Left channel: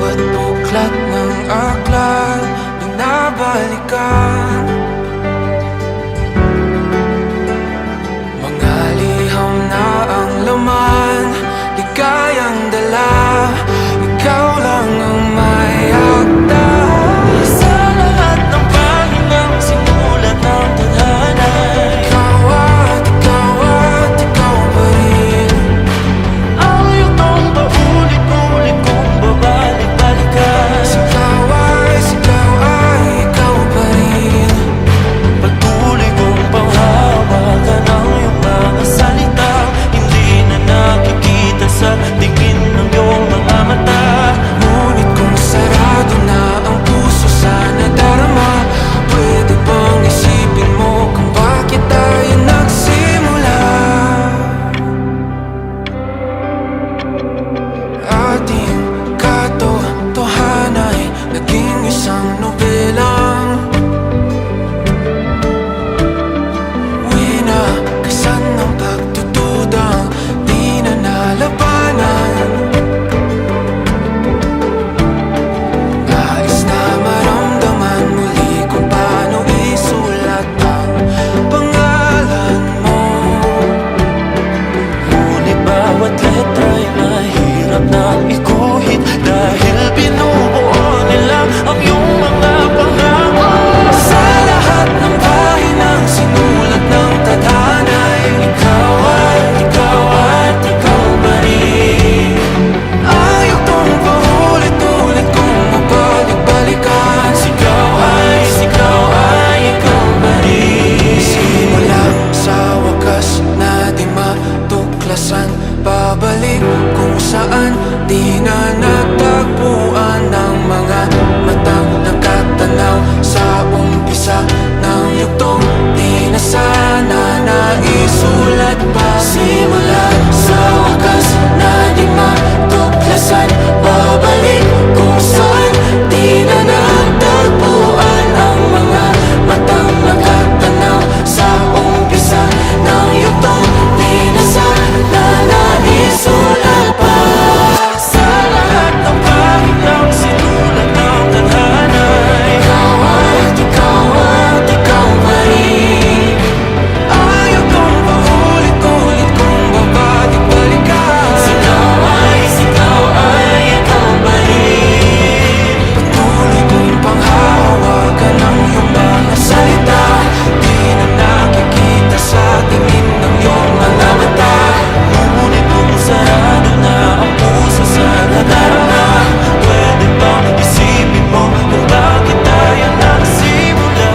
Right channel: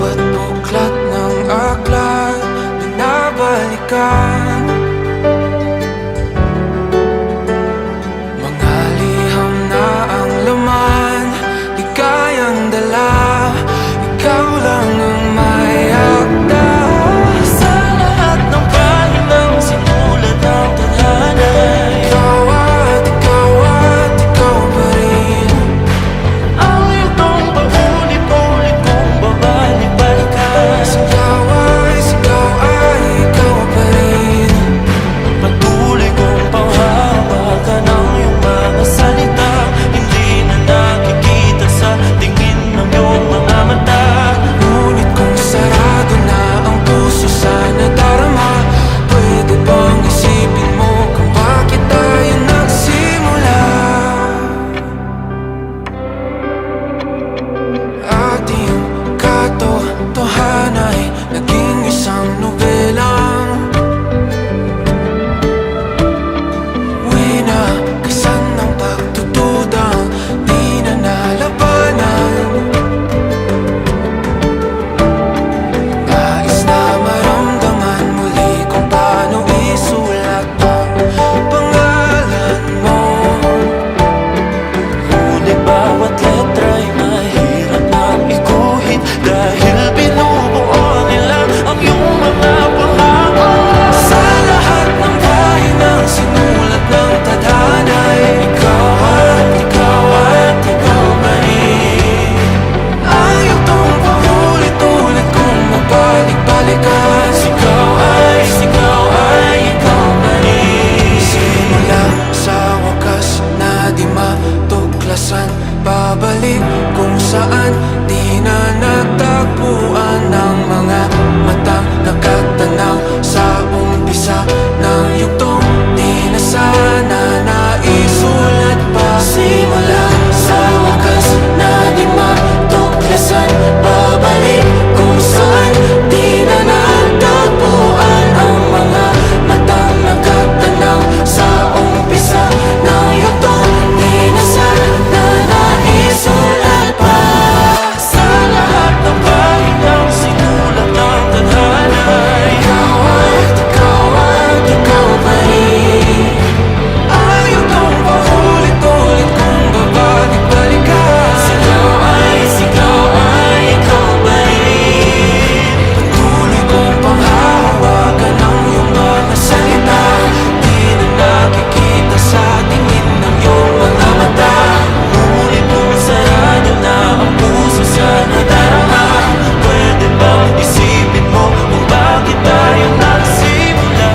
Bawat buklat ng aklat binabalikan, mga liham na ang laman, ligayang dala. Ikaw lang ang may akda sa lahat ng pahinang sinulat ng tadhana. Ikaw at ikaw pa rin. Ang yugtong paulit-ulit kong babalik-balikan. Sigaw ay ikaw pa rin. Patuloy kong panghawakan ang iyong mga salitang hindi na nakikita sa tingin ng iyong mga mata. Ngunit kung sarado na ang puso sa nadarama, pwede bang isipin mo kung bakit tayo nagsimula? Ating katotohanay naging isang nobelang winakasan ng pagtutudang di na nalabanan. Nais na maramdaman muli kung paano isulat ang pangalan mo. Ngunit bawat letra'y mahirap nang iguhit dahil binubuo nila ang iyong mga pangako. Sa lahat ng pahinang sinulat ng tadhana'y Ikaw pa rin. ang yugtong paulit-ulit kong mabalik-balikan. Sigaw ay ikaw pa rin. Simula sa wakas na di matuklasan, babalik kung saan di na natagpuan ng mga matang nakatanaw sa umpisa ng yugtong di na sana naisulat pa. Simula sa wakas na di matuklasan, babalik kung saan di na natagpuan ang mga matang nakatanaw sa umpisa ng yugtong di na sana naisulat pa. Sa lahat ng pahinang sinulat ng tadhana, Ikaw at ikaw pa rin. Ang yugtong paulit-ulit kong babalik-balikan. Sigaw ay ikaw pa rin. Patuloy kong panghahawakan ang iyong mga salita, di na nakikita sa tingin ng iyong mga mata. Ngunit kung sarado na ang puso sa nadarama, pwede bang isipin mo kung bakit tayo nagsimula?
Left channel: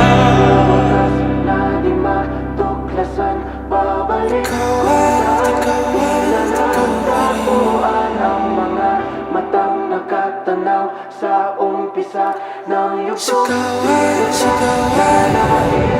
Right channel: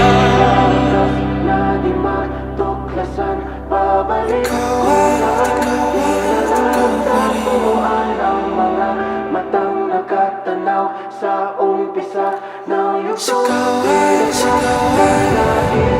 Na di matuklasan, babalik ikaw at ikaw pa rin. Ang mga matang nakatanaw sa umpisa ng yugtong. Sigaw ay